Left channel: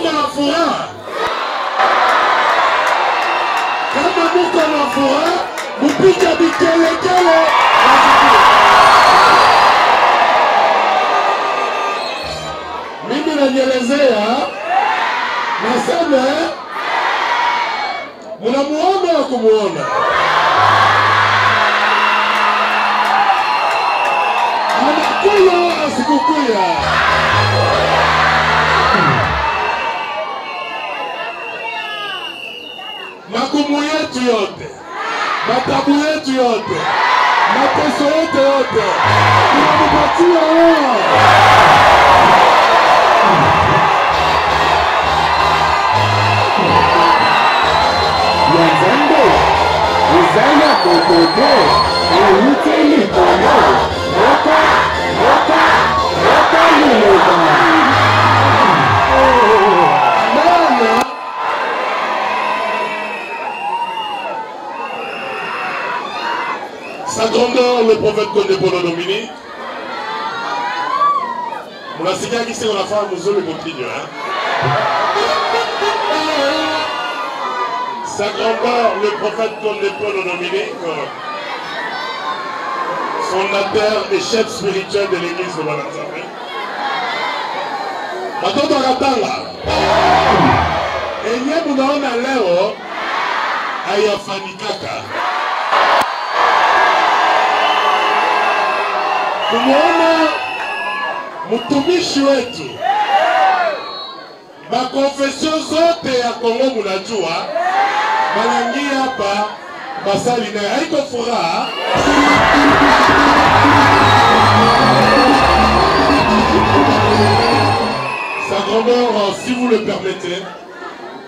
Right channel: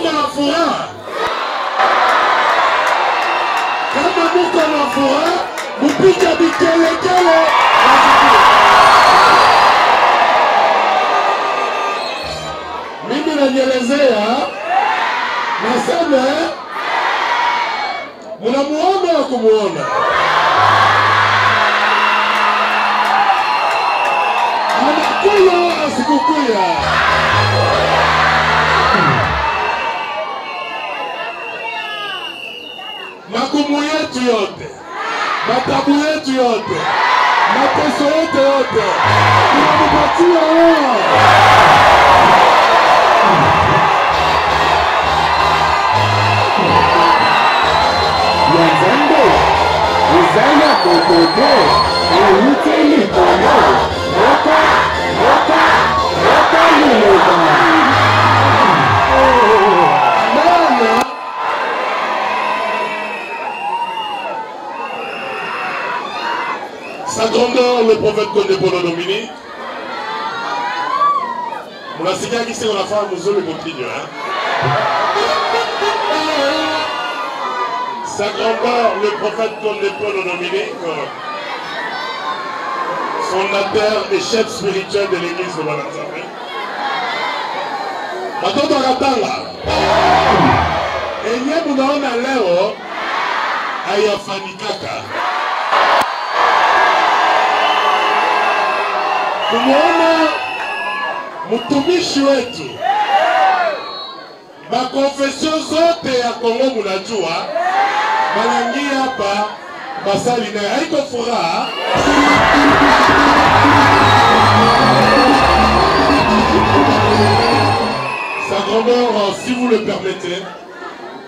muko na furaha, kama muko na furaha, mupige vikelekele. Mimi najielezea, nasema munamuona wa kumuona. Anakuya asikukuya. Magumu yetu yote, matabu yetu yote, mateso yetu yote, tunamupatia wao. Yazando, uzaya kokote, uyuteli kono, roka liloba. Mama, sa grandeur le prophète Condé Polo Dominique. On a signé qui c'est on a fait un museau le continue, hein. Sa grandeur, le prophète Condé Polo Dominique, fondateur et chef spirituel de l'église de Bananzambe. Matoto Katanga. Et nye munaona leo ayafanikaka. Kumuona mtumishi wetu. Makonfesio zote ya Kongo munajua. Malangia hapa basali na haiko furaha. Sa grandeur, si vous le permettez,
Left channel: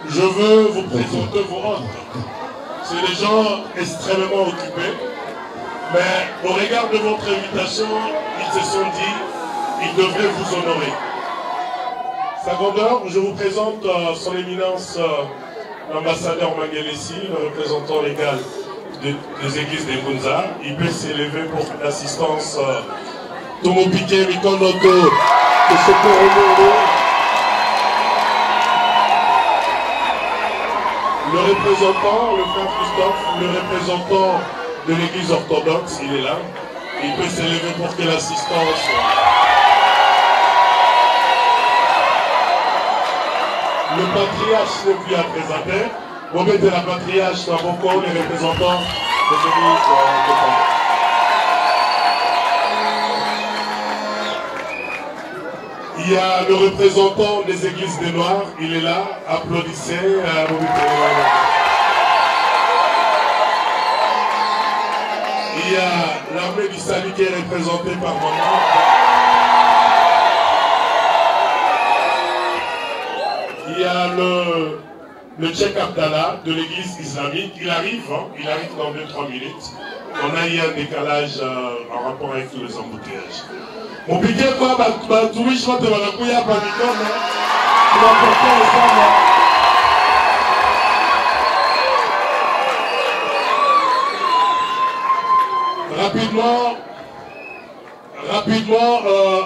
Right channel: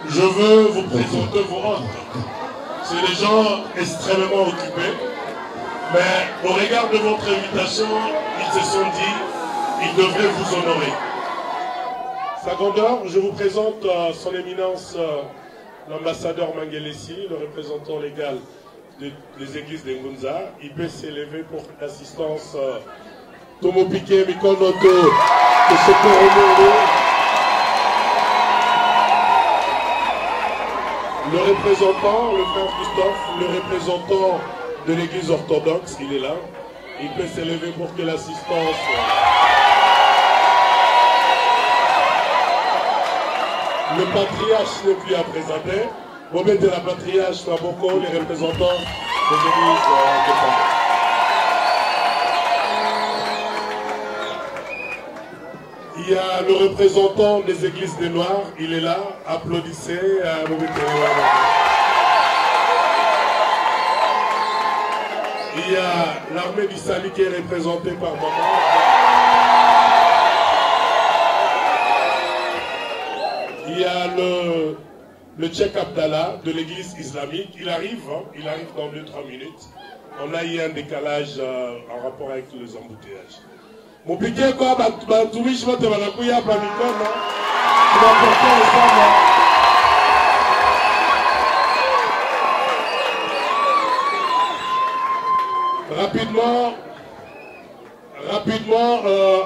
je veux vous présenter vos hôtes. C'est des gens extrêmement occupés, mais au regard de votre invitation, ils se sont dit qu'ils devraient vous honorer. Sa grandeur, je vous présente son éminence, l'ambassadeur Mangelesi, le représentant légal des églises des Ngunza. Il peut s'élever pour l'assistance Tomo Piqué, Mikonoto, de Sokoro. Le représentant, le frère Christophe, le représentant de l'église orthodoxe, il est là. Il peut s'élever pour que l'assistance... Le patriarche n'est plus à présenter. Vous mettez la patriarche Naboko, les représentants des églises de Congo. Il y a le représentant des églises des Noirs, il est là. Applaudissez. Il y a l'armée du salut qui est représentée par maman. Il y a le Cheikh Abdallah de l'église islamique. Il arrive dans 2-3 minutes. On a eu un décalage en rapport avec les embouteillages. Mon piqué quoi, Batoui, je vais te la couille à Pamicon. Tu vas porter les femmes. Rapidement,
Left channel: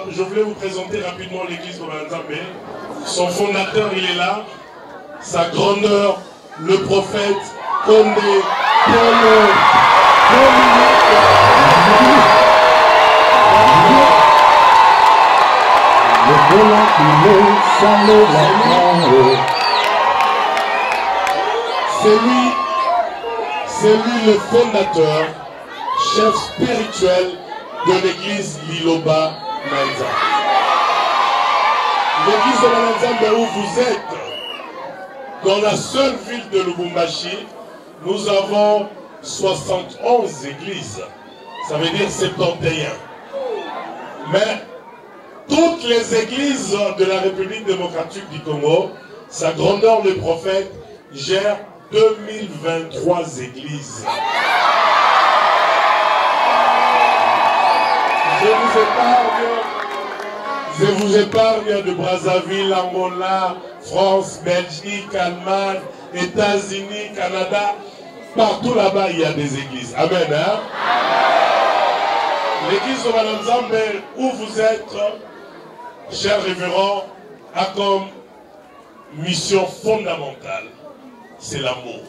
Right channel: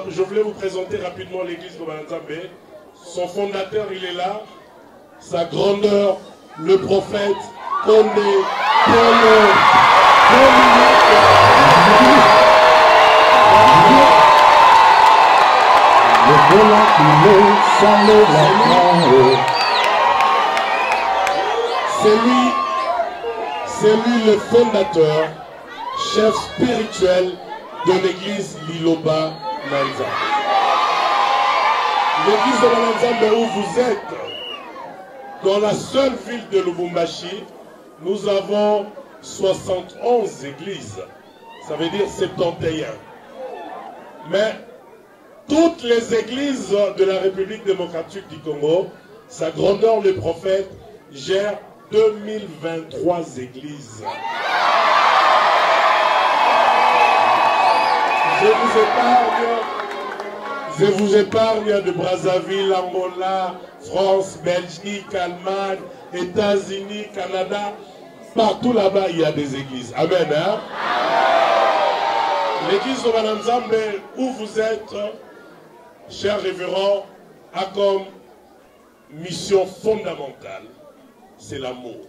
je voulais vous présenter rapidement l'église de Bananzambe. Son fondateur, il est là. Sa grandeur, le prophète Condé Polo c'est lui le fondateur, chef spirituel de l'église Liloba Manza. L'église de Bananzambe où vous êtes, dans la seule ville de Lubumbashi, nous avons 71 églises. Ça veut dire 71. Mais toutes les églises de la République démocratique du Congo, sa grandeur le prophète gère 2023 églises. Je vous épargne de Brazzaville, Angola, France, Belgique, Allemagne, États-Unis, Canada. Partout là-bas, il y a des églises. Amen. Hein? L'église de Bananzambe, où vous êtes, cher révérend, a comme mission fondamentale, c'est l'amour.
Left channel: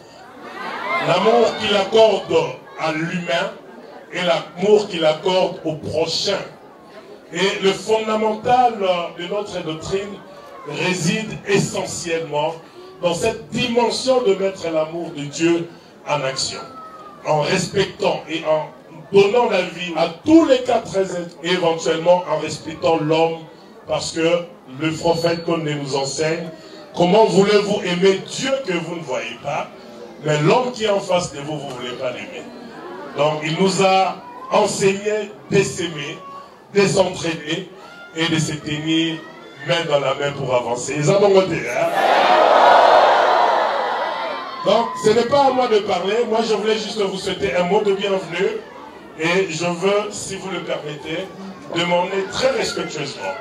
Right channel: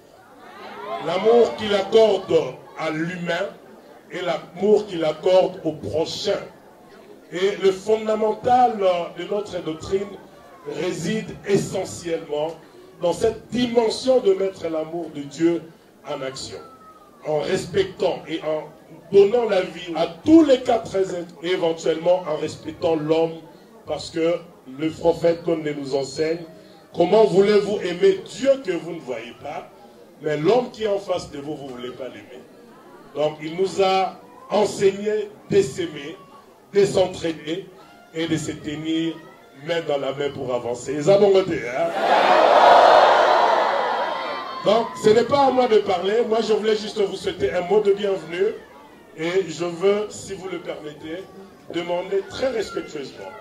L'amour qu'il accorde à l'humain et l'amour qu'il accorde au prochain. Et le fondamental de notre doctrine réside essentiellement dans cette dimension de mettre l'amour de Dieu en action, en respectant et en donnant la vie à tous les quatre êtres, et éventuellement en respectant l'homme, parce que le prophète comme nous enseigne, comment voulez-vous aimer Dieu que vous ne voyez pas, mais l'homme qui est en face de vous, vous ne voulez pas l'aimer. Donc il nous a enseigné de s'aimer, de s'entraider et de se tenir main dans la main pour avancer. Ils ont bon côté, hein? Donc ce n'est pas à moi de parler, moi je voulais juste vous souhaiter un mot de bienvenue et je veux, si vous le permettez, demander très respectueusement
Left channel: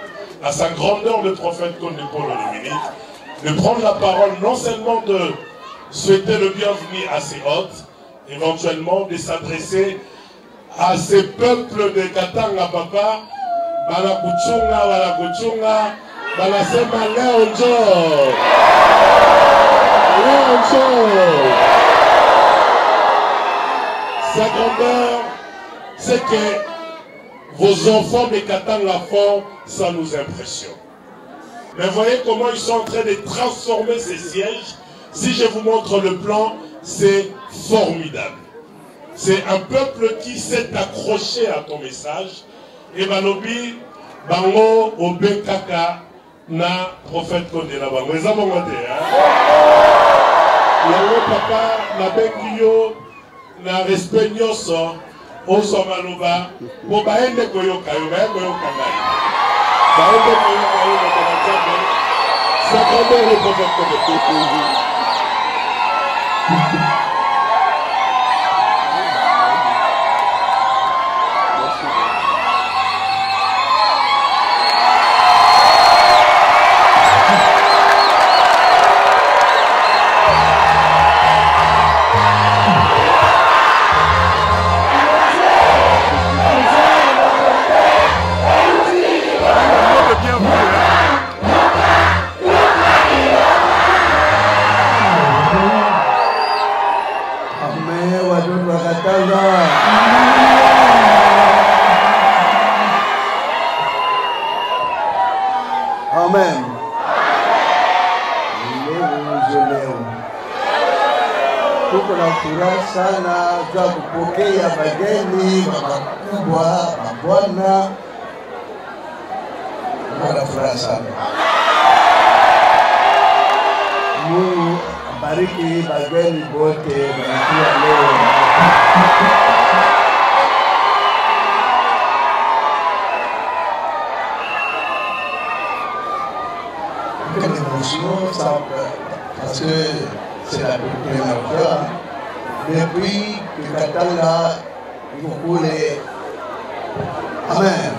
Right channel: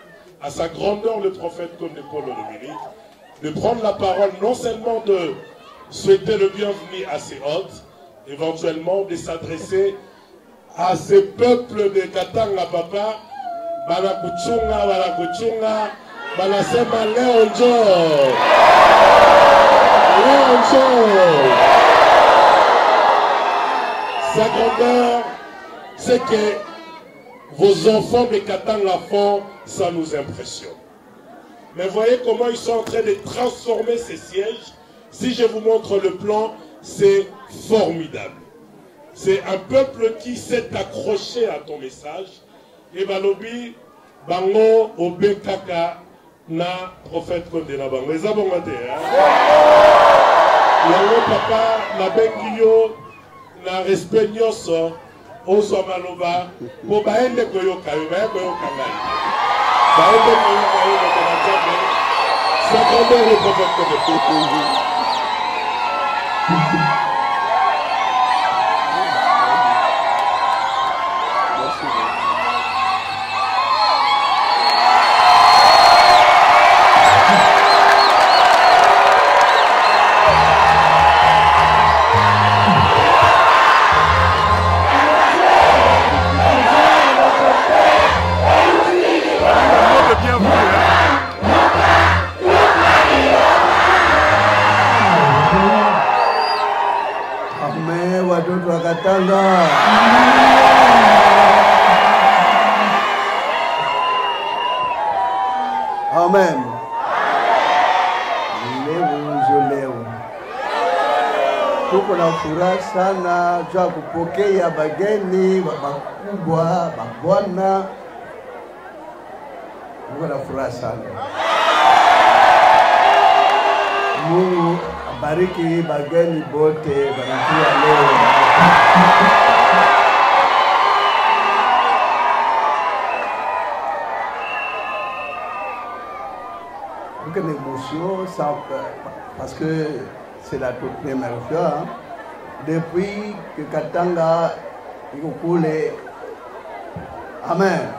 à sa grandeur le prophète comme Paul Olomini de prendre la parole, non seulement de souhaiter le bienvenu à ses hôtes, éventuellement de s'adresser à ces peuples de Katanga Papa, Balakuchunga, Balasema Leonjo. Sa grandeur, c'est que vos enfants de Katanga font, ça nous impressionne. Mais voyez comment ils sont en train de transformer ces sièges. Si je vous montre le plan, c'est formidable. C'est un peuple qui s'est accroché à ton message. Et Balobi, Bango, Obe Kaka, na prophète Kondela Bango. Ils ont monté, hein? Yango papa, na Bengio, na respect nyoso, Oso Maloba, pour Baende Koyoka, Baende Koyoka, Baende Koyoka, ça grandeur le prophète Kondela. Amen. Leo tuko na furaha sana za kupokea bageni wakubwa, mabwana. Tuko na furaha sana. Mungu abariki bageni bote wanakuja leo. L'émotion, parce que c'est la première fois depuis que Katanga est coulé. Amen.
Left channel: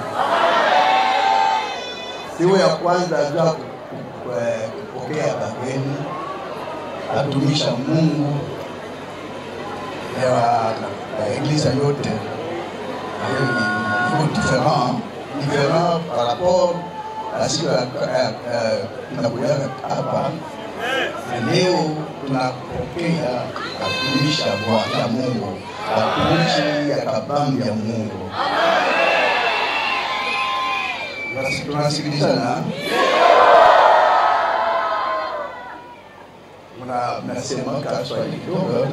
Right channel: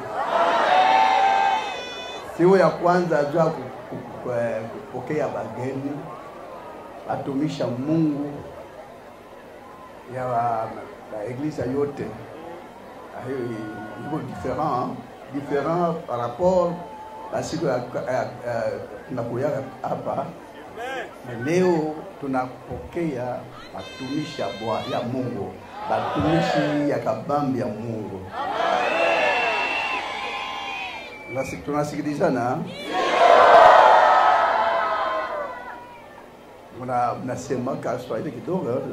Siku ya kwanza jua kupokea bageni, atumisha Mungu ya Eglise yote. Différent par rapport à siku tunakuya hapa leo, tunapokea atumisha ya Mungu, atumishi ya kabambi ya Mungu. Tunasikilizana, mnasema Kiswahili kidogo.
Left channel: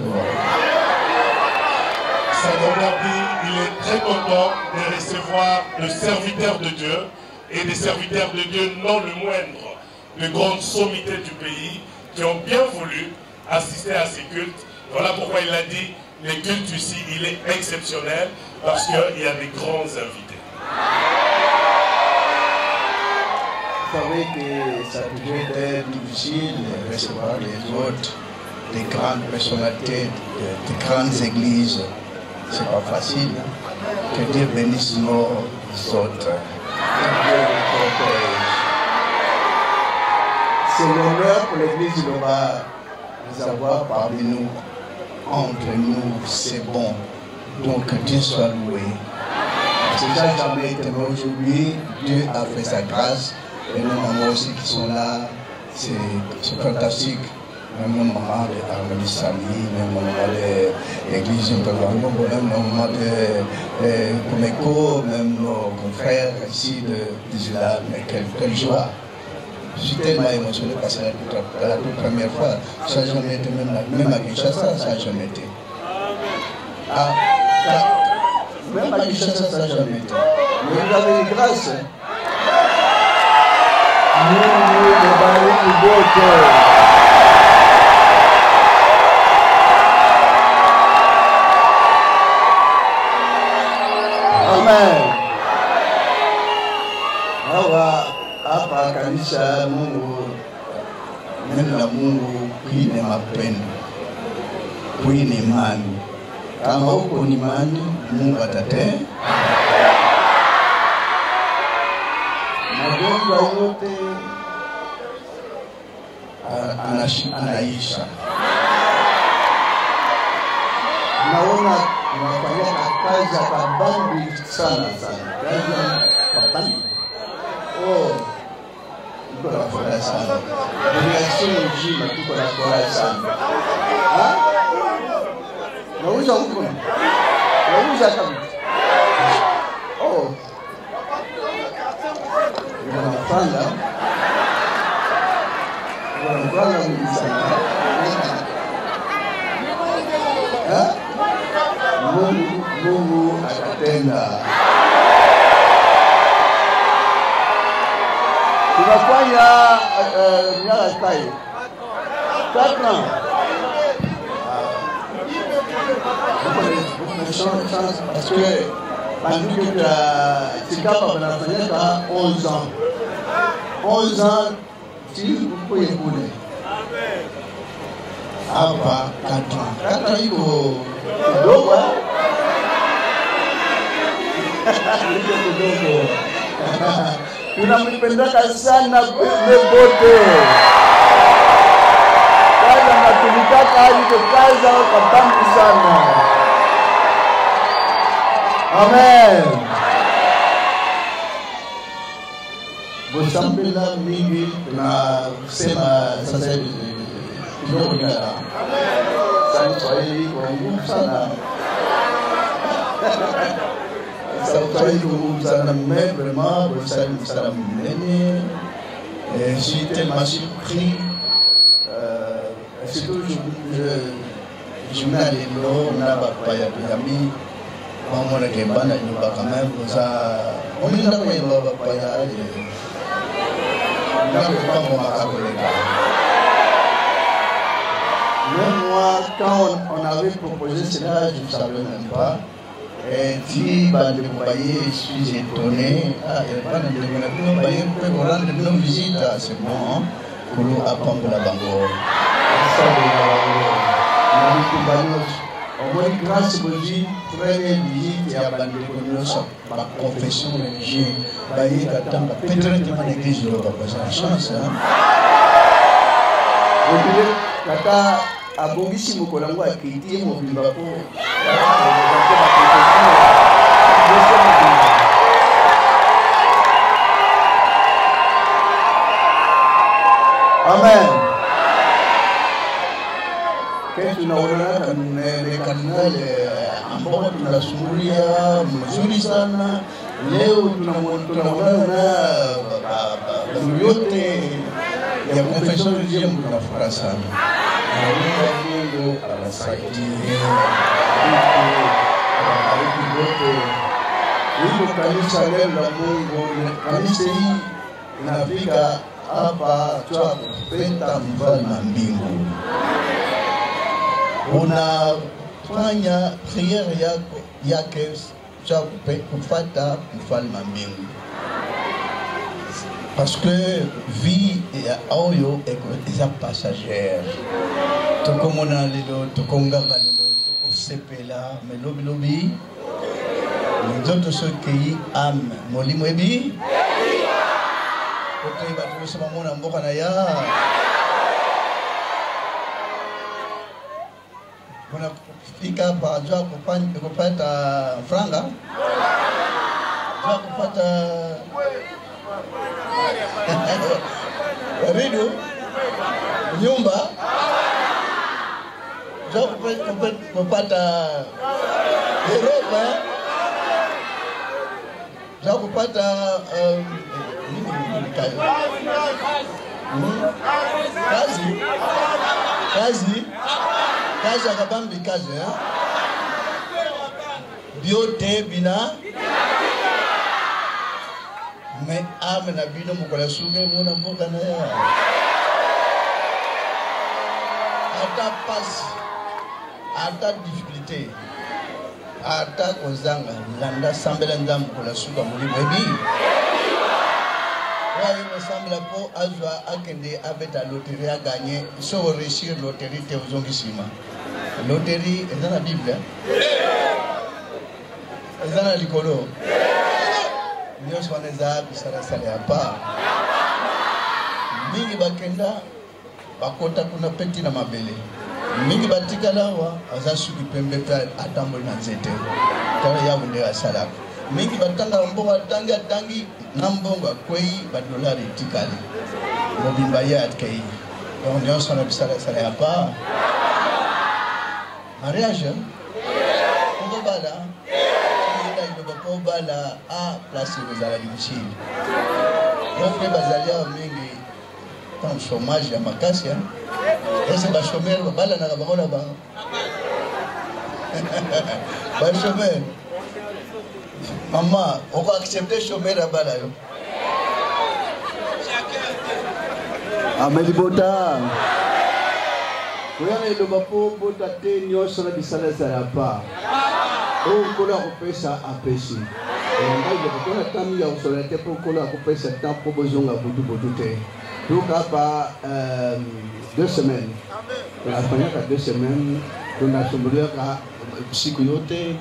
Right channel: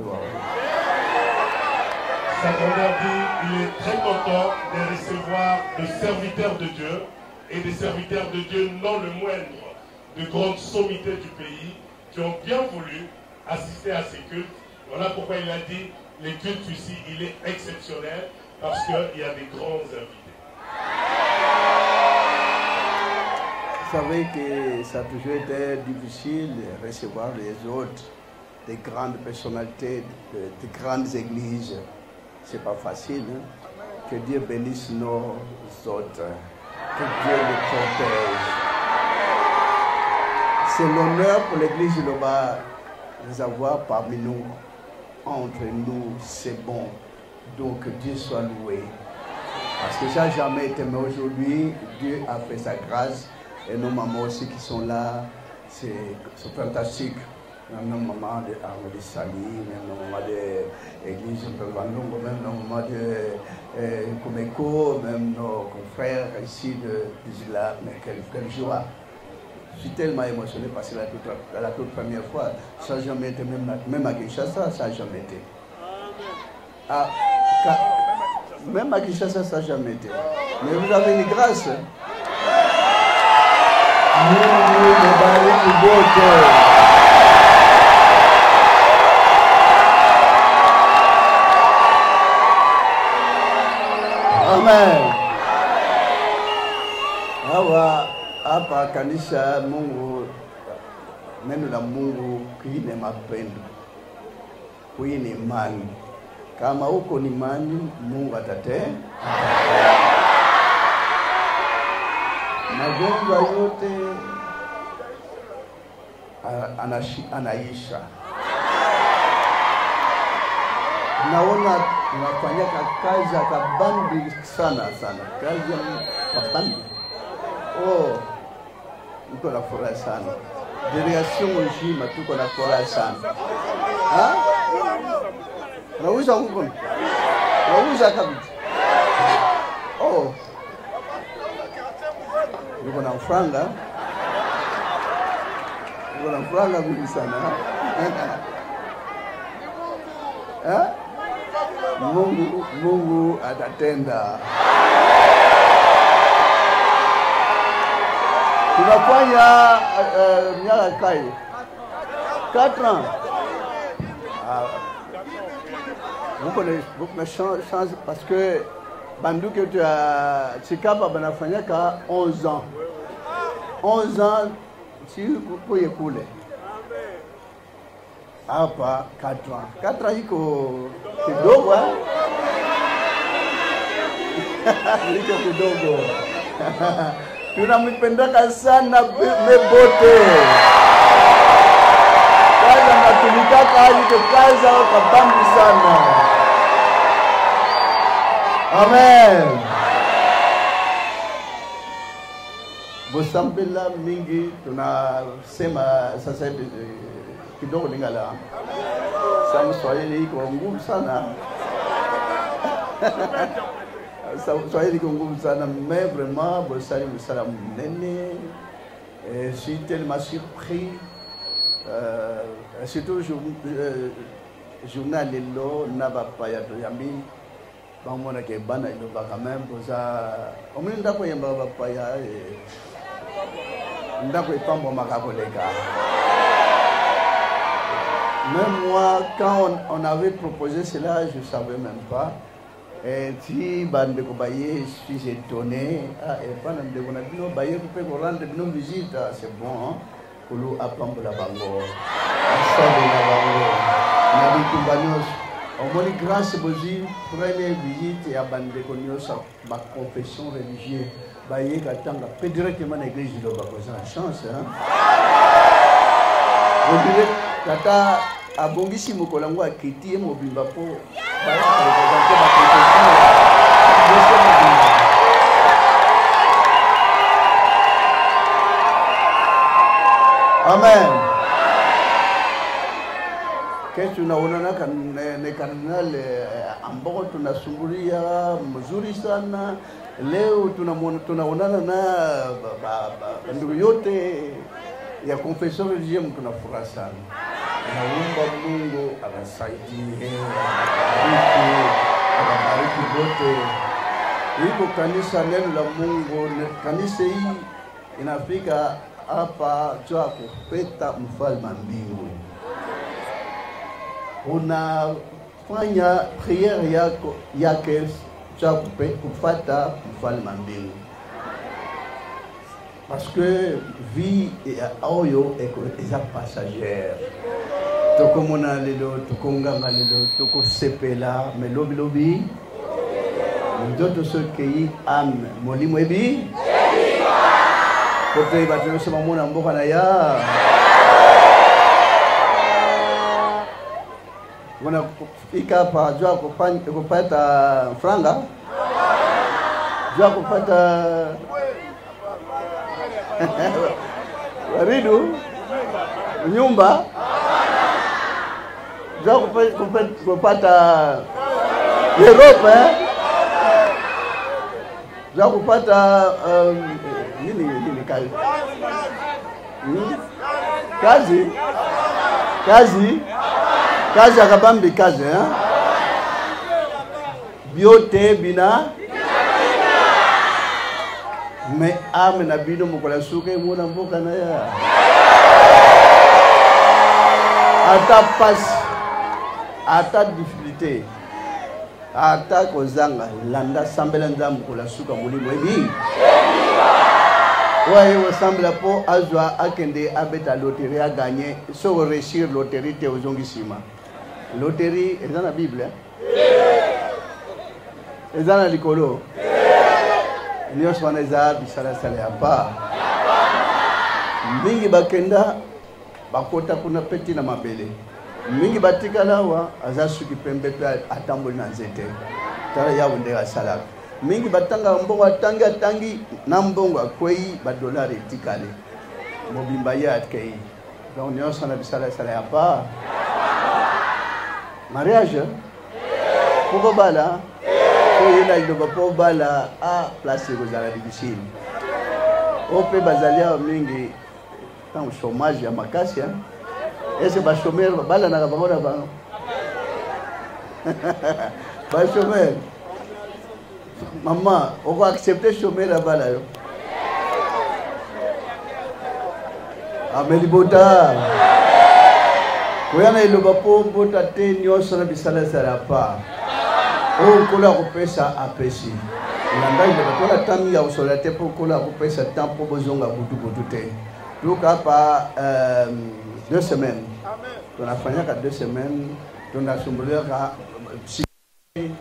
Il est très content de recevoir le serviteur de Dieu et des serviteurs de Dieu non le moindre, de grandes sommités du pays qui ont bien voulu assister à ces cultes. Voilà pourquoi il a dit, les cultes ici, il est exceptionnel parce qu'il y a des grands invités. Vous savez que ça a toujours été difficile de recevoir les autres, des grandes personnalités, des grandes églises. C'est pas facile. Que Dieu bénisse nos autres. Que Dieu les protège. C'est l'honneur pour l'église de Loba de les avoir parmi nous, entre nous, c'est bon. Donc Dieu soit loué. Parce que ça n'a jamais été, mais aujourd'hui, Dieu a fait sa grâce. Et nos mamans aussi qui sont là, c'est fantastique. Même au moment de l'Arabie, même au moment de l'église de l'amour, même au moment de Comeco, même nos frères ici de l'islam, quelle joie. Je suis tellement émotionné parce que la toute première fois, ça n'a jamais été, même à Kinshasa, ça n'a jamais été. Même à Kinshasa, ça n'a jamais été. Mais vous avez une grâce. Amen. Hapa kanisa Mungu, neno la Mungu kuine mapendo, kuine imani. Kama uko ni imani, Mungu atatenda. Magonjwa yote anaisha. Naona unafanya kazi kabambi sana. Kazi kabambi. Tuko na furaha sana. Delegation mzima tuko na furaha sana. Nauza huko. Nauza kabisa. Niko na franga. Niko na franga mingi sana. Mungu atatenda. Tunafanya miaka kai 4 ans. Beaucoup de chance parce que banduki yetu ya Chikapa banafanyaka 11 ans. 11 ans si kuye kule. Hapa 4 ans. 4 ans iko kidogo. Iko kidogo. Tunampendaka sana Mebote. Kaza natumikaka hadi kaza kabambi sana. Amen. Bosambela mingi tunasema sasa kidogo Lingala. Sana Swahili kwa ngumu sana. Swahili kwa ngumu sana, mais vraiment Bosambela sana mnene. J'ai tellement surpris. Surtout journal de l'eau n'a pas yami. On a été ban et on va quand même on n'a pas eu on n'a pas mon macabolega. Même moi, quand on avait proposé cela, je ne savais même pas. Et si Bande Koubaye, je suis étonné. Et Bande Koubaye peut vous rendre nos visites, c'est bon, pour nous apprendre la langue. On m'a dit grâce à Dieu, première visite et à Bande Koubaye, ma confession religieuse, Baye attend, peut directement à l'église de la chance. Vous dites, Kata, à Bongisi Mokolango a quitté mon bibapo. Amen. Kesho tunaonana kama kardinali ambao tunashuhudia mzuri sana. Leo tunaonana na ndugu yote ya confession religieuse, tunafurahi sana. Naomba Mungu awasaidie, awabariki wote. Hilo kanisa neno la Mungu, kanisa hii inafika hapa kwa kupenda mfalme wa mbingu. Unafanya priere yake kwa kupata mfalme wa mbingu. Parce que vie et oyo est passagère. Tokomona lelo, tokongama lelo, tokosepela, mais lobi nous ce pays âme. Moni mweni. Kote batyo sama mona mboka na ya. Wana kufika hapa jua kupata franga. Jua kupata Ridu, nyumba za kupata Europa za kupata kazi akabambi kazi vyote bina me ame na bino mkola suke muna mboka na ya ata pas ata difficulté ata kozanga landa sambela ndam kola suka mulu hii ouais ressemble po azwa akende abeta loterie a gagné so réussir loterie te ozongishima loterie dans la Bible dans la likolo niyo shwana za sala hapa mbili bakenda bakota kuna peti na mambele mbili batika lawa azasu kipembeza atambo na zete kaya ya ndera sala mbili bataka kwa tanga tangi nambonga kwei badolari tikali Maria kei niyo shwana sala hapa mariage kuko bala il y a bala a place de la ici. On peut basalia au mingi comme chômage à makasi. Et c'est pas chômeur bala na kabona ba. Pas chômeur. Maman, on va accepter chômeur la bala. Amen bota. Kuyana ilo bapo bota te nyoso na bisala pa. Oh, kola kupesa apesi. Ngai kola tami ya usolate po kola kupesa tampo bozonga bulute. Luka pa 2 semaines. On a fait 2 semaines. On a fait siku yote.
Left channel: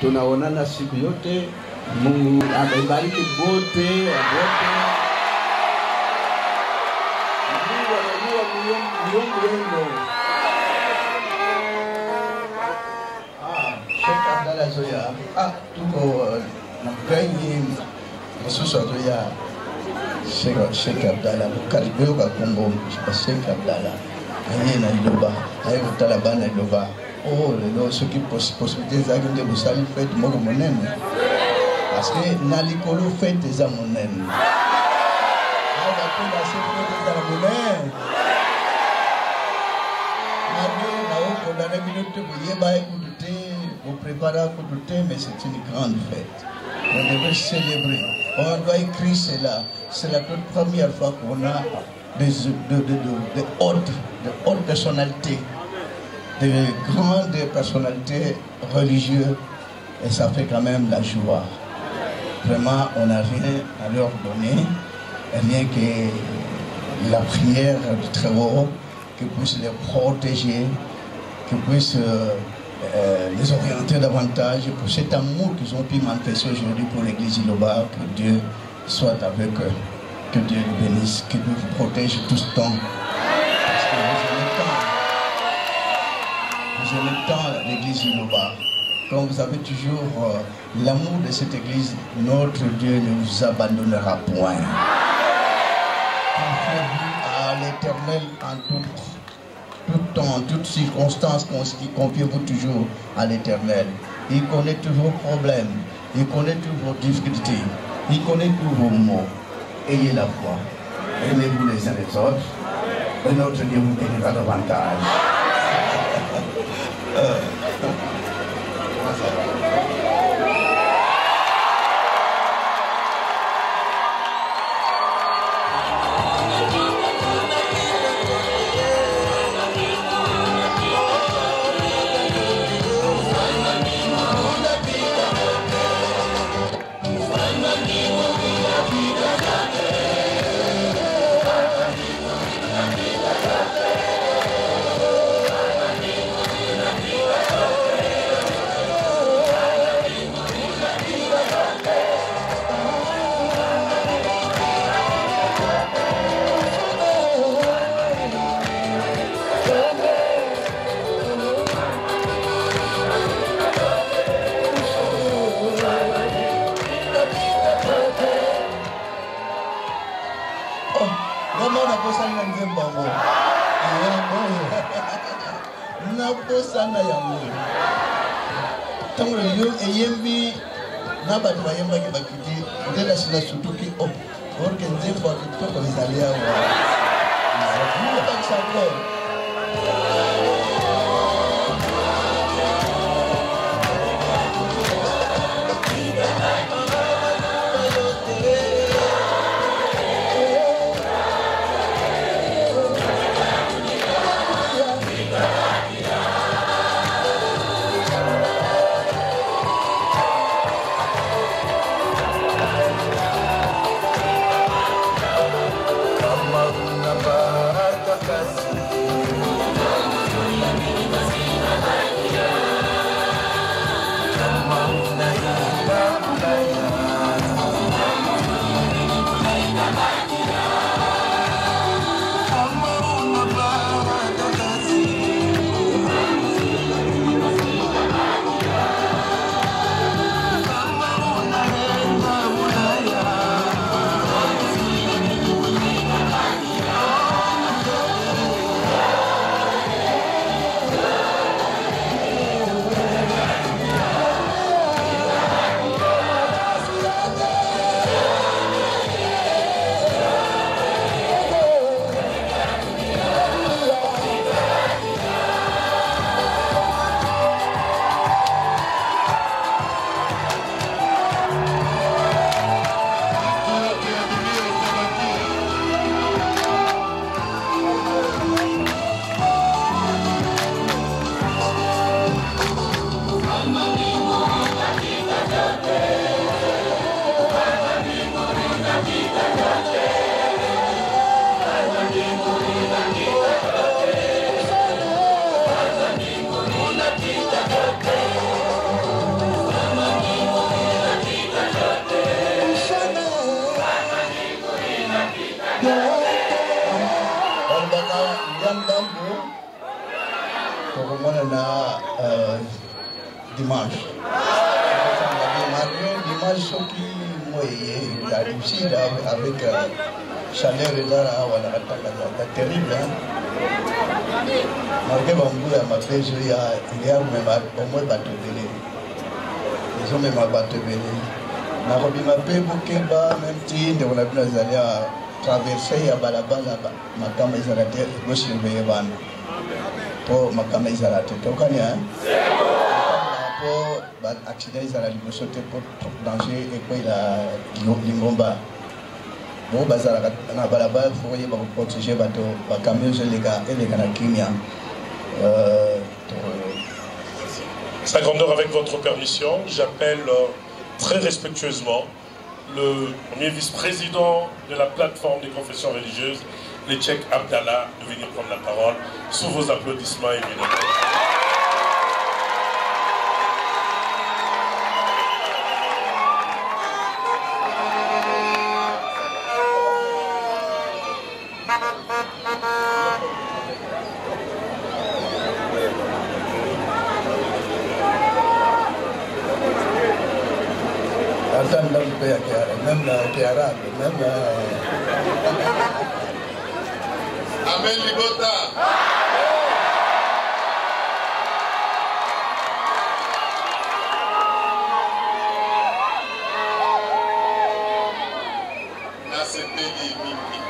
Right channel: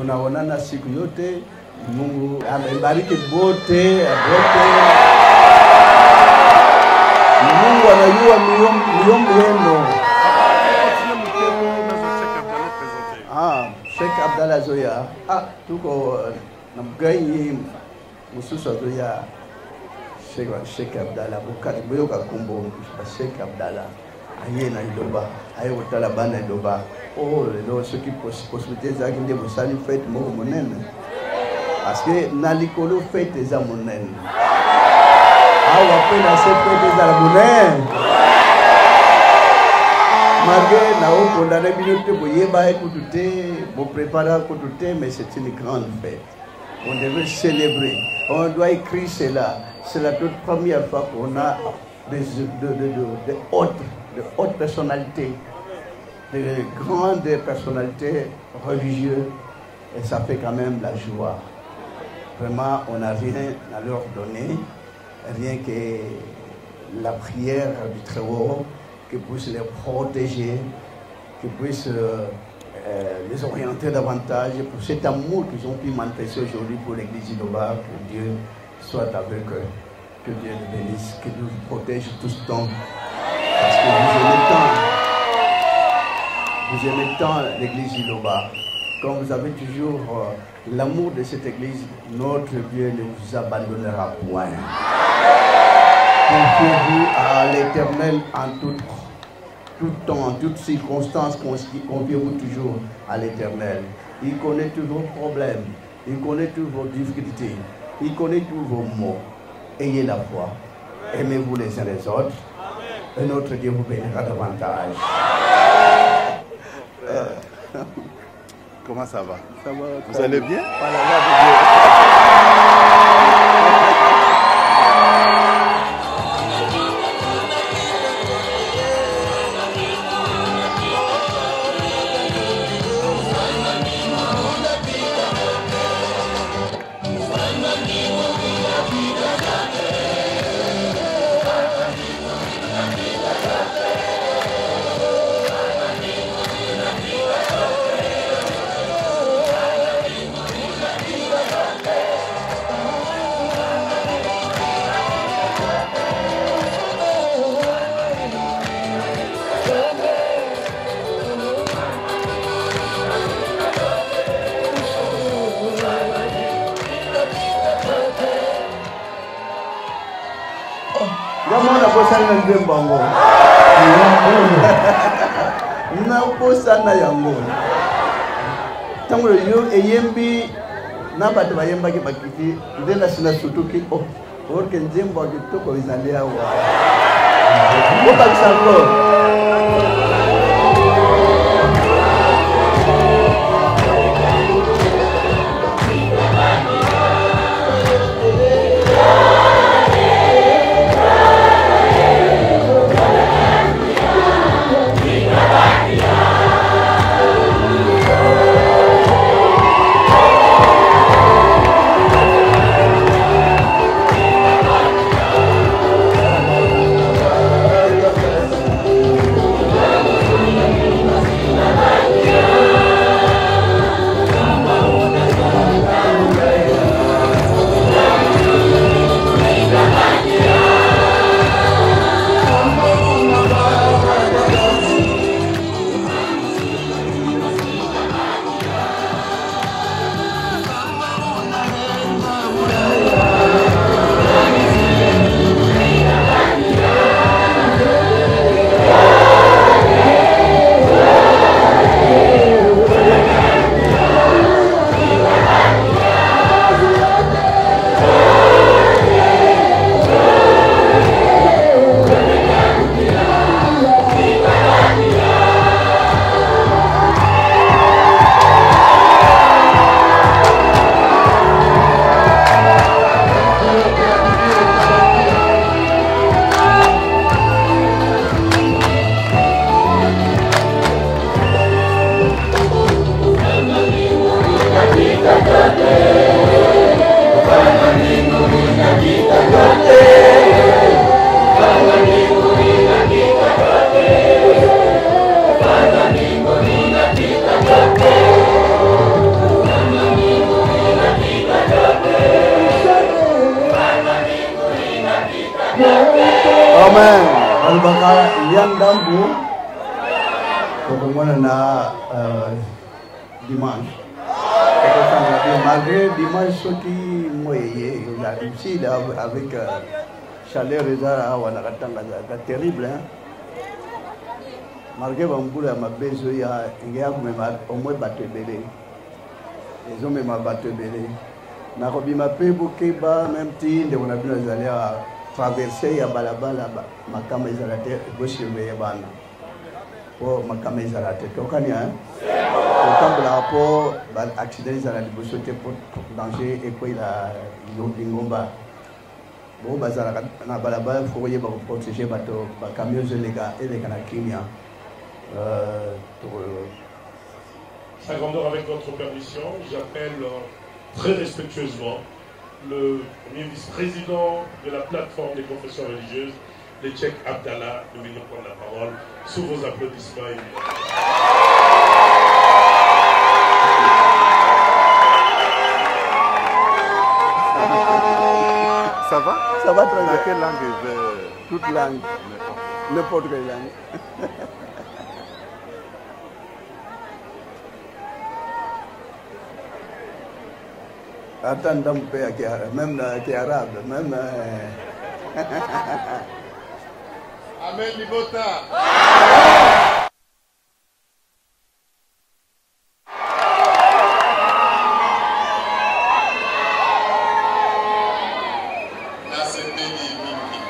Tunaonana siku yote. Mungu anabariki wote. Mungu anajua miombi yenu. Abdallah Zoya, tuko gani msusa Zoya, Sheikh Abdallah, karibu kwa Kongo, Sheikh Abdallah, yeye na Yoruba, ayakutala bana Yoruba, leo suki possibilité za kile kusali pe tumo kunene, ase nalikolo fete za munene, au apena fete za munene. Malgré la haute condamnabilité pour Yéba et pour tout pour préparer pour tout mais c'est une grande fête. On doit célébrer, on doit écrire cela. C'est la toute première fois qu'on a de hautes personnalités, de grandes personnalités religieuses, et ça fait quand même la joie. Vraiment, on a rien à leur donner, rien que la prière du très haut, qui puisse les protéger, qui puisse les orienter davantage pour cet amour qu'ils ont pu manifester aujourd'hui pour l'Église de l'Ola, que Dieu soit avec eux, que Dieu les bénisse, qu'il nous protège tout ce temps. Parce que vous aimez tant l'Église de l'Ola. Comme vous avez toujours l'amour de cette Église, notre Dieu ne vous abandonnera point. Confiez-vous à l'Éternel en tout temps, toutes circonstances, confiez-vous toujours à l'Éternel. Il connaît tous vos problèmes, il connaît toutes vos difficultés, il connaît tous vos maux. Et la foi. Aimez-vous les uns les autres, et notre Dieu vous bénira davantage. Salut. sana yango. Tango yo eyembi na batu bayemba ki bakiki ndena sina sutuki o orke ndemba to ko na ya wa. Ko ba sango. Amen. Albaka yang dambu kemudian dimanche. Malgré dimanche qui moye la difficile avec chaleur de la terrible. Malgré beaucoup de matériel, il y a au moins pas de je ne m'en pas de na mabé mukeba mti de la blaza traverser ya balabala makama ya la gauche et ban pour makama ya la droite quand la po ba accident ya la gauche que pour danger et puis Dimomba Bomba za na balabala pour y protéger bateau makama ya les gars kimia Sa grandeur, avec votre permission, j'appelle très respectueusement le premier vice-président de la plateforme des confessions religieuses, Lecek Abdallah, de venir prendre la parole sous vos applaudissements éminents. Ça va dans quelle langue? Toute langue, n'importe quelle langue. Amen, Libota. Na sepeli mingi.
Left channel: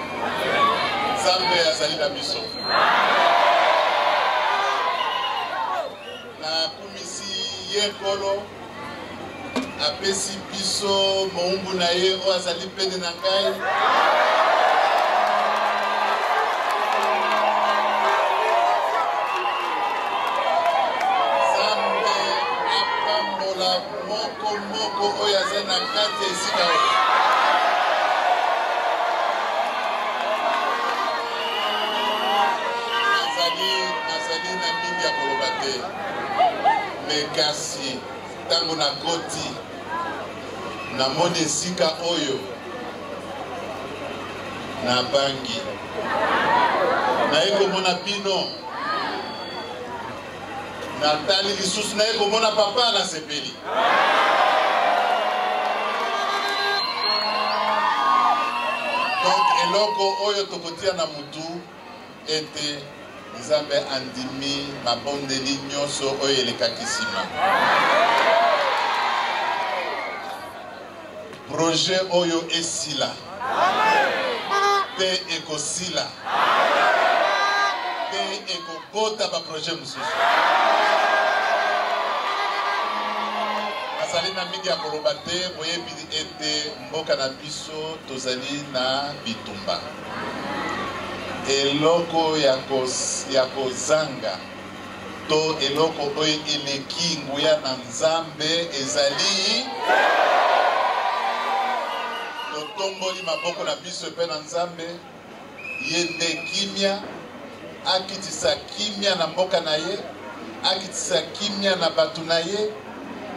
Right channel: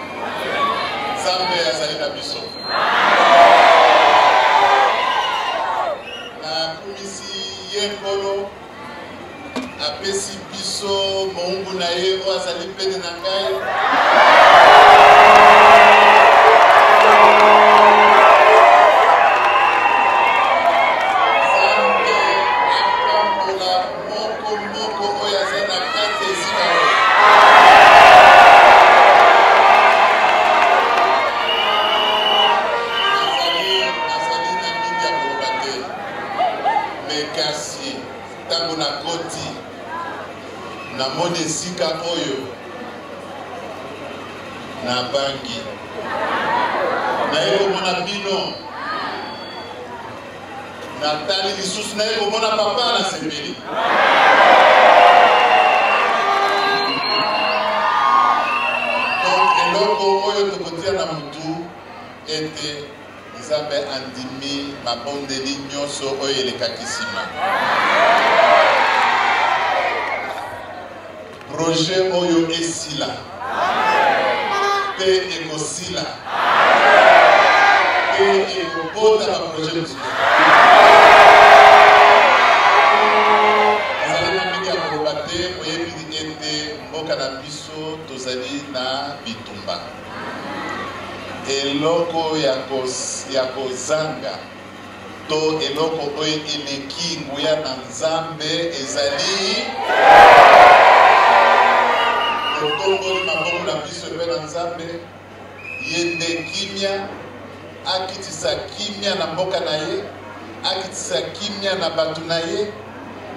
Zambe ya salida biso. Na kumisi yenkolo. Apesi biso moumbu na ye o azali pene na ngai. Zambe apambola moko oyo aza na kati ya esika oyo. Nazali na mingi ya koloba te. Me kasi ntango na koti na moni esika oyo na bangi naye komona bino natali lisusu naye komona papa na sepeli donc eloko oyo tokotia na mutu ete Nzambe andimi mabondeli nyonso oyo elekaki nsima. Projet oyo esila pe ekosila pe ekobota baprojet mosusu. Azali na mingi ya koloba te boyebi ete mboka na biso tozali na bitumba. Eloko ya kozanga to eloko oyo eleki nguya na Nzambe ezali totomboli maboko na biso epe na Nzambe ye nde kimia akitisa kimia na mboka na ye, akitisa kimia na batu na ye,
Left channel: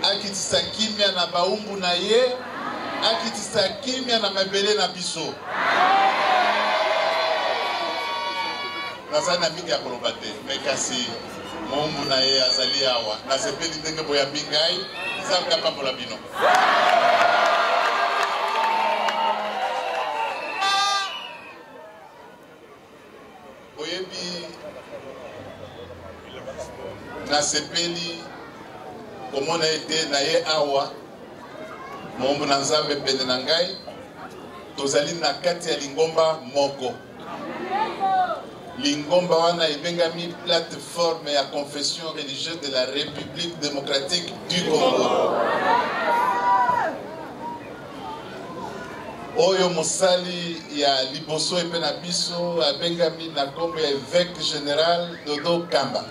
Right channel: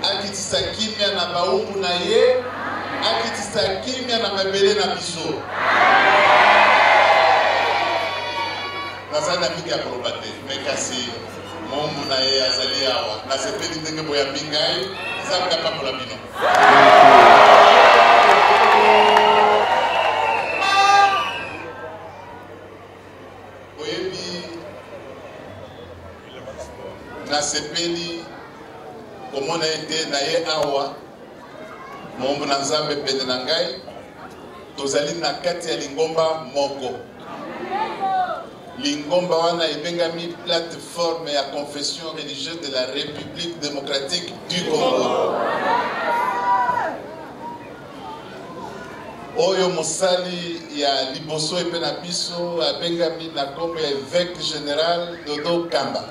akitisa kimia na baumbu na ye, akitisa kimia na mabele na biso. Nazali na mingi ya koloba te, me kasi mombu na ye azali awa nasepeli ndenge boyambi ngai Nzambe apambola bino. Boyebi nasepeli komona ete na ye awa mombu na Nzambe pene na ngai tozali na kati ya lingomba moko. Lingomba wana ebengami plateforme ya confession religieuse de la République démocratique du Congo. Oyo mosali ya liboso epe na biso abengami na kombo ya évêque général Dodo Kamba.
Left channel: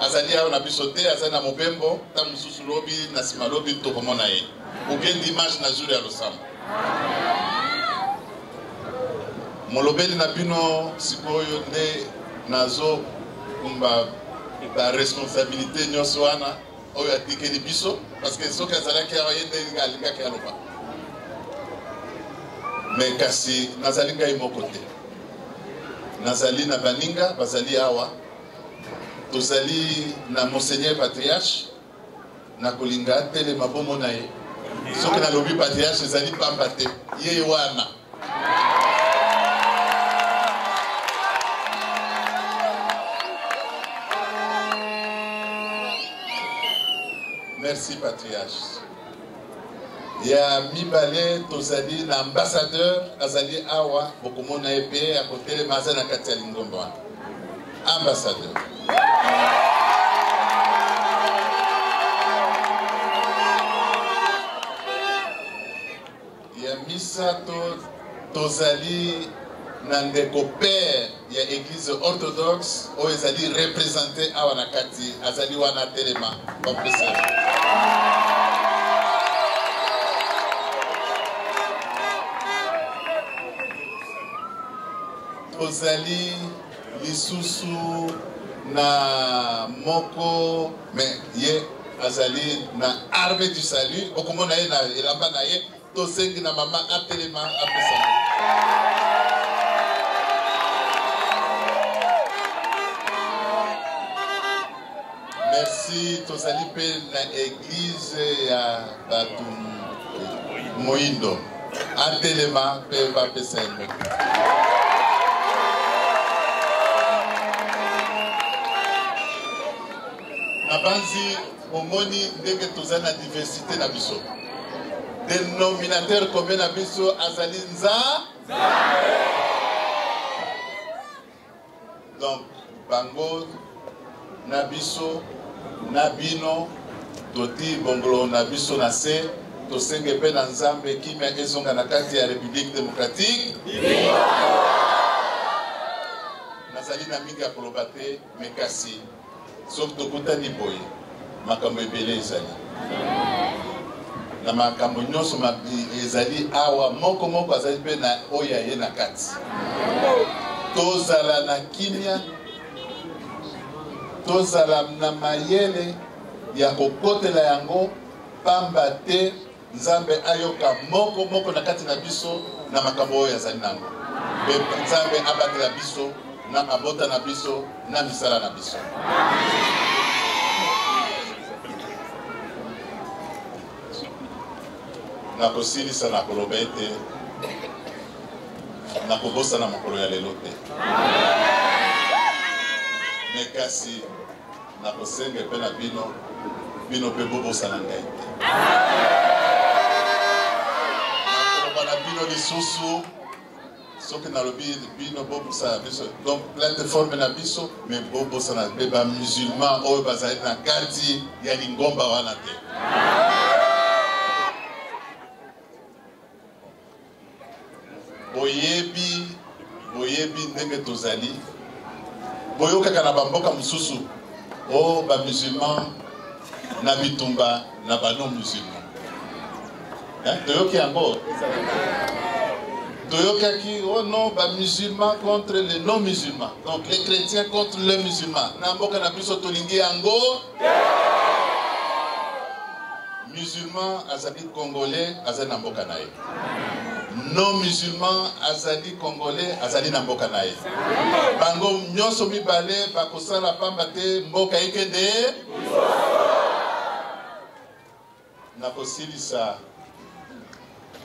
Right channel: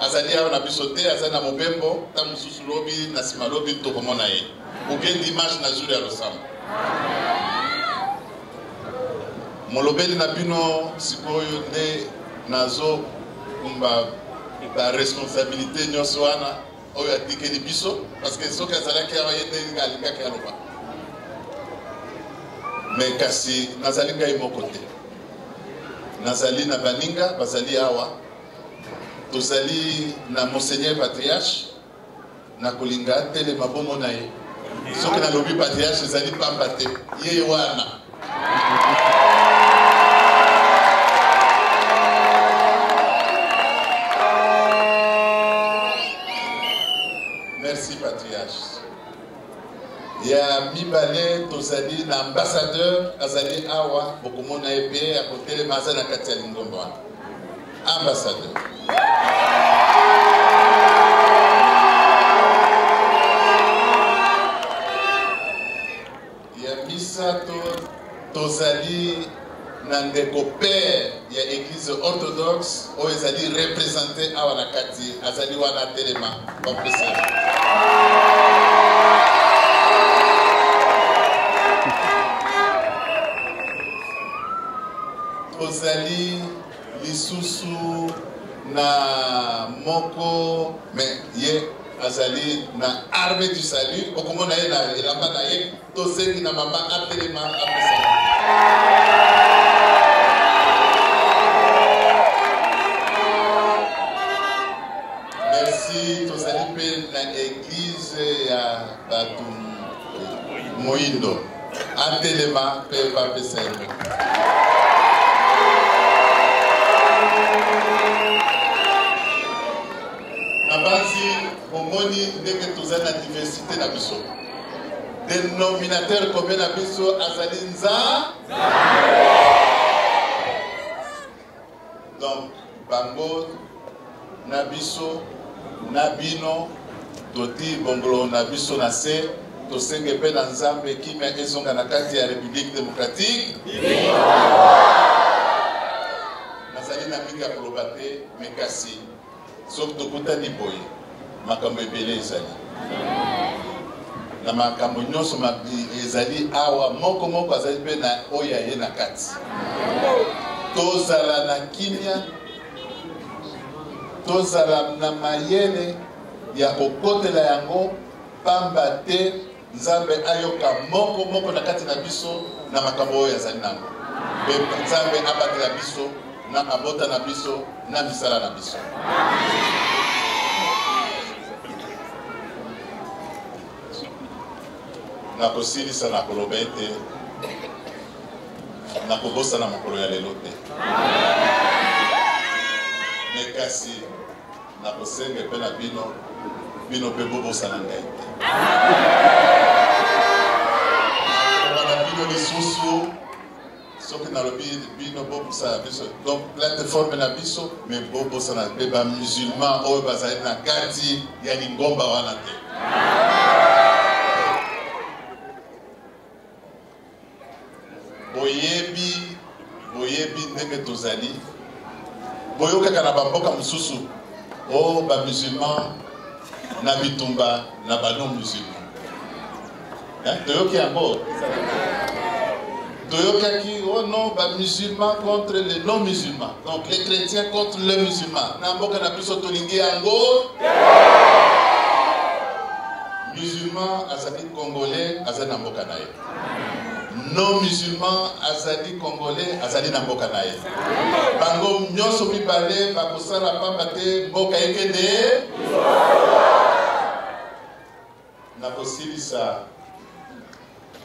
Azali awa na biso te, azali na mobembo, ta mosusu lobi na sima lobi tokomona ye. Okendi dimanche na jour ya losambo. Molobeli na bino sikoyo nde nazo kumba ba responsabilité nyonso wana oyo atikeli biso parce que soki azalaki awa ye nde alingaki aloba. Mais kasi nazali ngai moko te, nazali na baninga bazali awa, tozali na Monseigneur Patriarche na kolinga atelema bomo na ye. Soki nalobi Patriarche ezali pamba te, ye wana. Merci Patriarche. Ya mibale tozali na ambassadeur azali awa bokomona ebe akotele maza na kati ya lingomba wana. Ambassadeur. Ya misato tozali na ndeko père ya église orthodoxe oyo ezali représenté awa na kati azali wana telema bapesa. Tozali lisusu na moko me ye azali na arme du salut okomona ye na elamba na ye tosengi na mama atelema apesa. Merci tozali pe na église ya batu Moindo atelema pe bapesa. Nabanzi omoni ndenge tozali na diversité na biso. Dénominateur commun na biso azali Nzambe. Donc bango na biso na bino toti bongolo na biso na se tosenge pe na Nzambe kimia ezonga na kati ya République démocratique. Nazali na mingi ya koloba te mekasi soki tokutani boye makambo ebele ezali na makambo nyonso ezali awa moko azali pe na oyo ye na kati tozala na kimia tozala na mayele ya kokotela yango pamba te Nzambe ayoka moko na kati na biso na makambo oyo azali nango pe Nzambe abatela biso na mabota na biso na misala na biso. Na kosilisa na koloba ete na kobosa na mokolo ya lelo te. mais kasi na kosenga pe na bino bino pe bobo sanangai na bino lisusu soki na lobi bino bobo sana biso donc plateforme na biso mais bobo sana pe ba musulman oyo bazali na kati ya lingomba wana te boyebi ndenge tozali boyokaka na bamboka mosusu o ba musulman na bitumba na ba non musulman toyoki yango toyokaki oh non ba musulman contre les non musulmans donc les chrétiens contre les musulmans na mboka na biso tolingi yango musulman azali congolais azali na mboka na ye non musulman azali congolais azali na mboka na ye bango nyonso mibale bakosala pamba te mboka ekende na kosilisa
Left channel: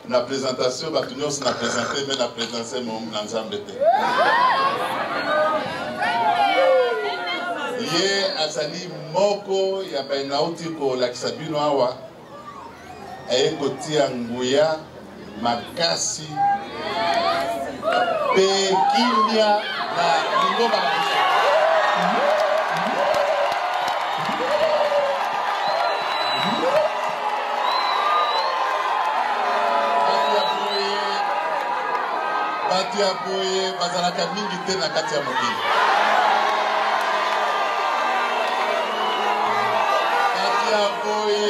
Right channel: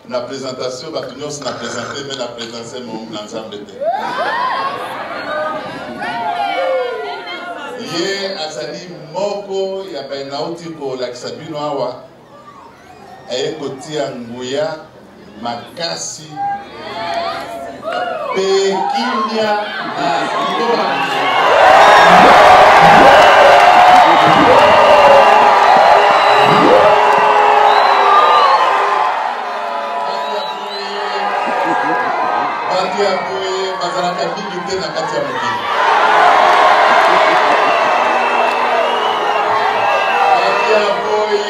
na présentation bato nyonso na présente me na présence na nzambe te ye azali moko ya bainauti kolakisa bino awa aye kotia nguya makasi pe kimia na lingomba batu ya boye bazalaka mingi te na kati ya mokili batu ya boye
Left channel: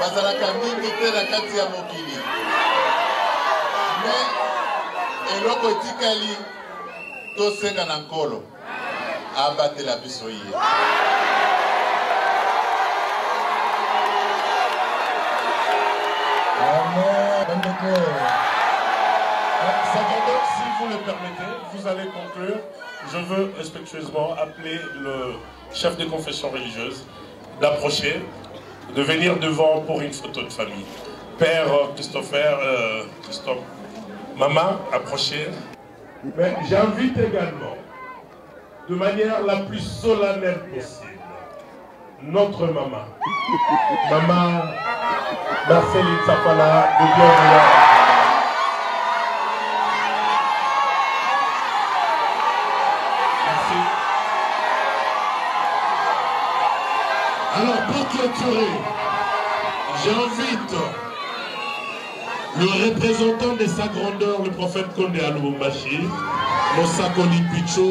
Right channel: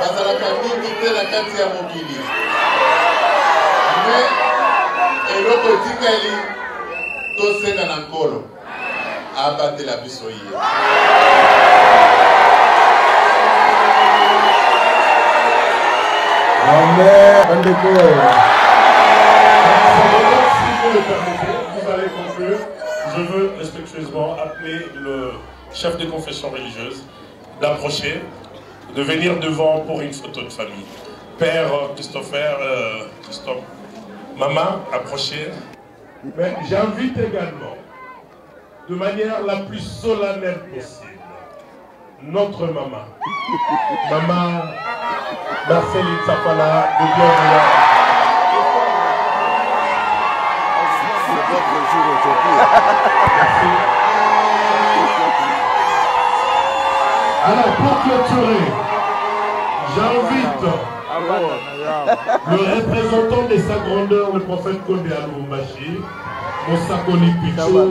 bazalaka mingi te na kati ya mokili me eloko etikali tosenga na nkolo abatela biso ye amen bandeko. Si vous le permettez, vous allez conclure. Je veux respectueusement appeler le chef de confession religieuse d'approcher, de venir devant pour une photo de famille. Père Christophe, maman, approchez. Mais j'invite également, de manière la plus solennelle possible, notre maman, maman Marceline Safala, de bien vouloir. Alors pour clôturer, j'invite le représentant des sa grandeur, le prophète Kodia Lubumbashi, pour sa contribution.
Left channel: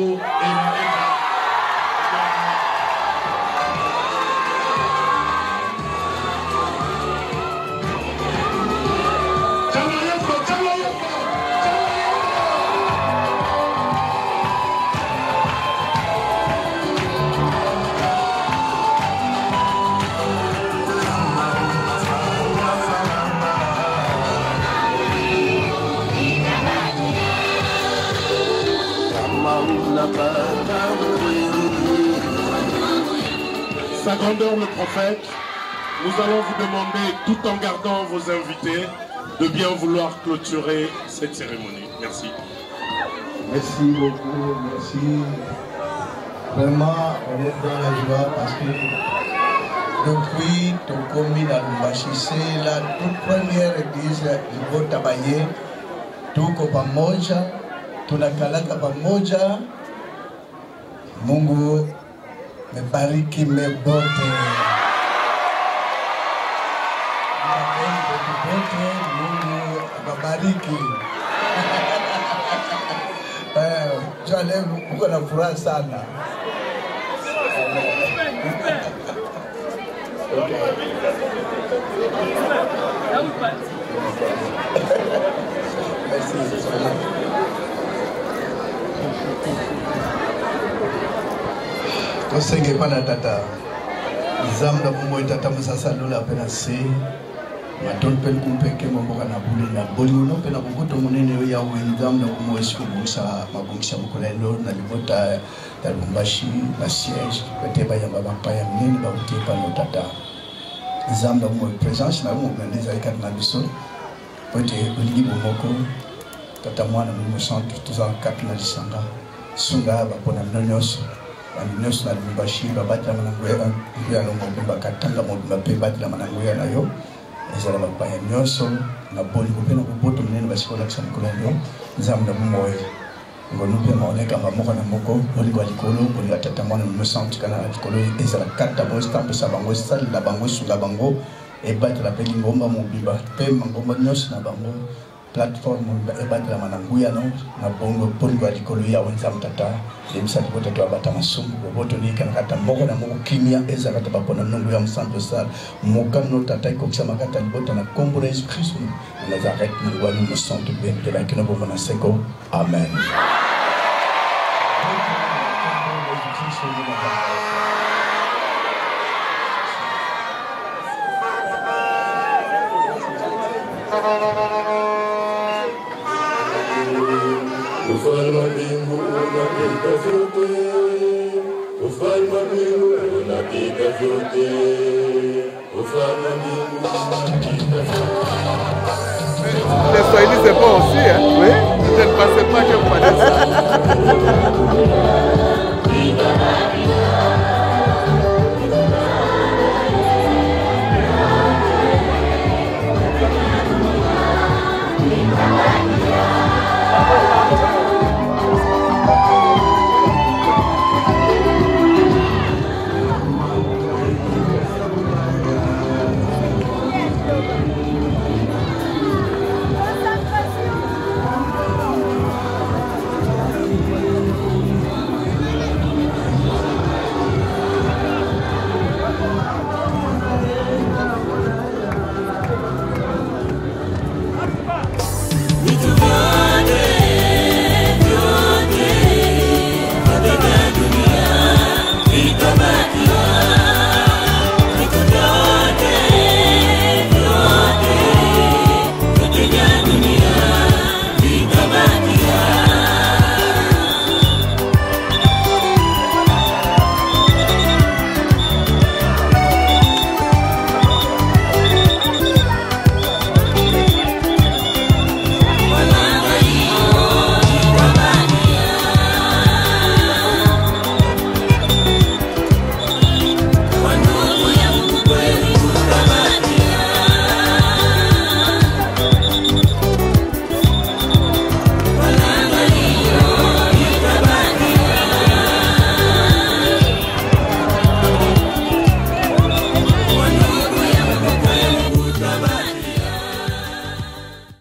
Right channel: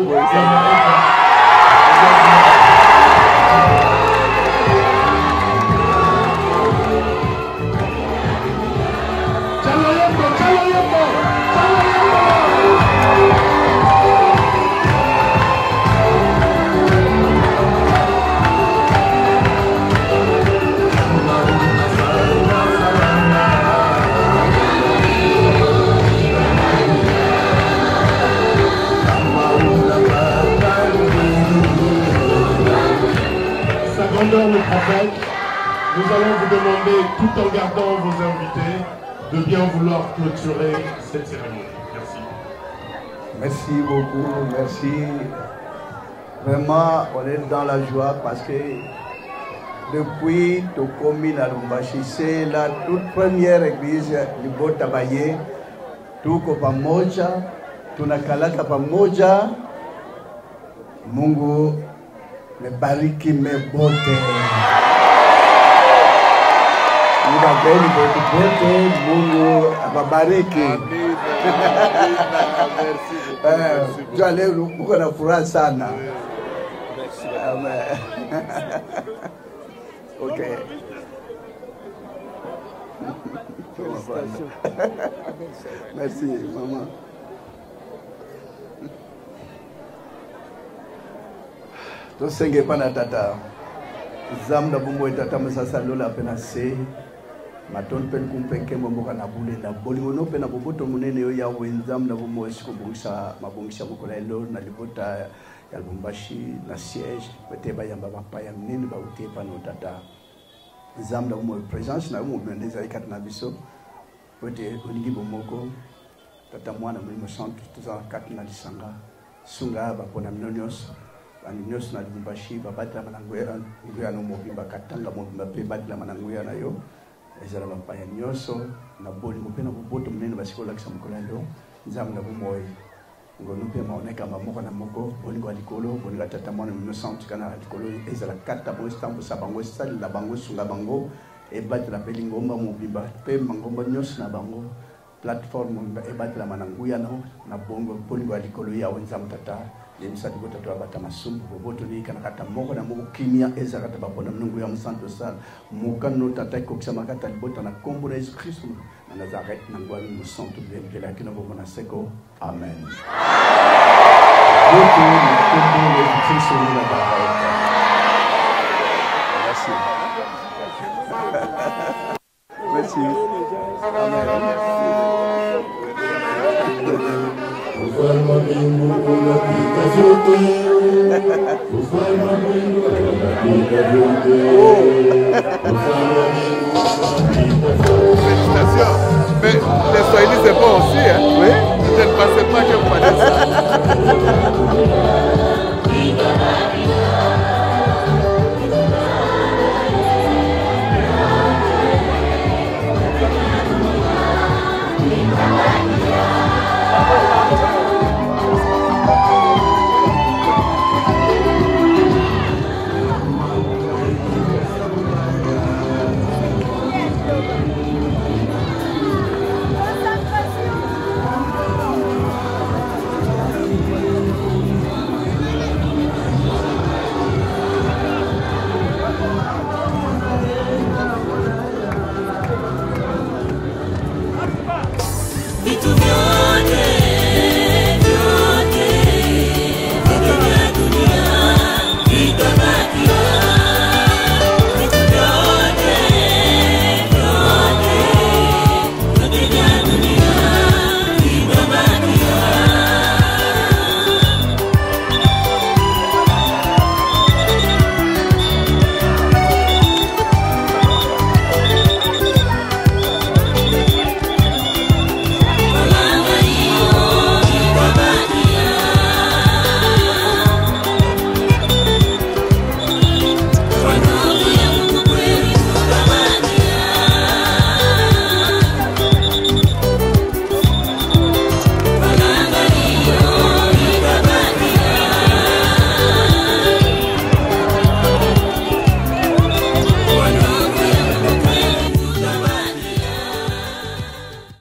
Nous allons vous demander, tout en gardant vos invités, de bien vouloir clôturer cette cérémonie. Merci. Merci beaucoup, merci. Vraiment, on est dans la joie parce que depuis le Covid à la Boachi, c'est la toute première église du Gosha Baye, tuko pamoja, tunakalaka pamoja, Mungu mebariki mebote. Mungu awabariki. Leo mko na furaha sana. Tata. Zamba na kwa tata masala la penasi. Amatore pe kupeke mo kana bula na bolu pe na kuto munene ya wenzam na kumweshi kusa mabukisha mkolelo na libota ya Lubumbashi basiege bete ba ya baba pa ya nini ba kutie pa no tata. Zamba mo presence na mo meneza kana biso. Bete bulingi bomoko tata mwana 1964 na Lisanga. sunga bapona bino nyonso nyonso na libashi babatama na ngoya ya no mobimba katanga mobimba pe batama na ngoya na yo ezala bapaya nyonso na boli ko pena ko boto nene basikola kisa mkolelo nzambe moyo ngonupe maoneka moko na moko oli kwa likolo kwa tata mwana no centre kana likolo ezala kata mo staff sa bango stade na bango sunga bango e batela pe ngomba mobimba pe ngomba nyonso na bango plateforme na batela na ngoya no na bongo poni kwa likolo ya wonza mtata ebisa likota to abata masumu boto ni kana kata moko na moko kimia ezala kata bapona no ya centre sa moko no tata ko chama kata libota na Kongo na Yesu Kristo na zaret no wa no centre de la kina bomba na seko amen.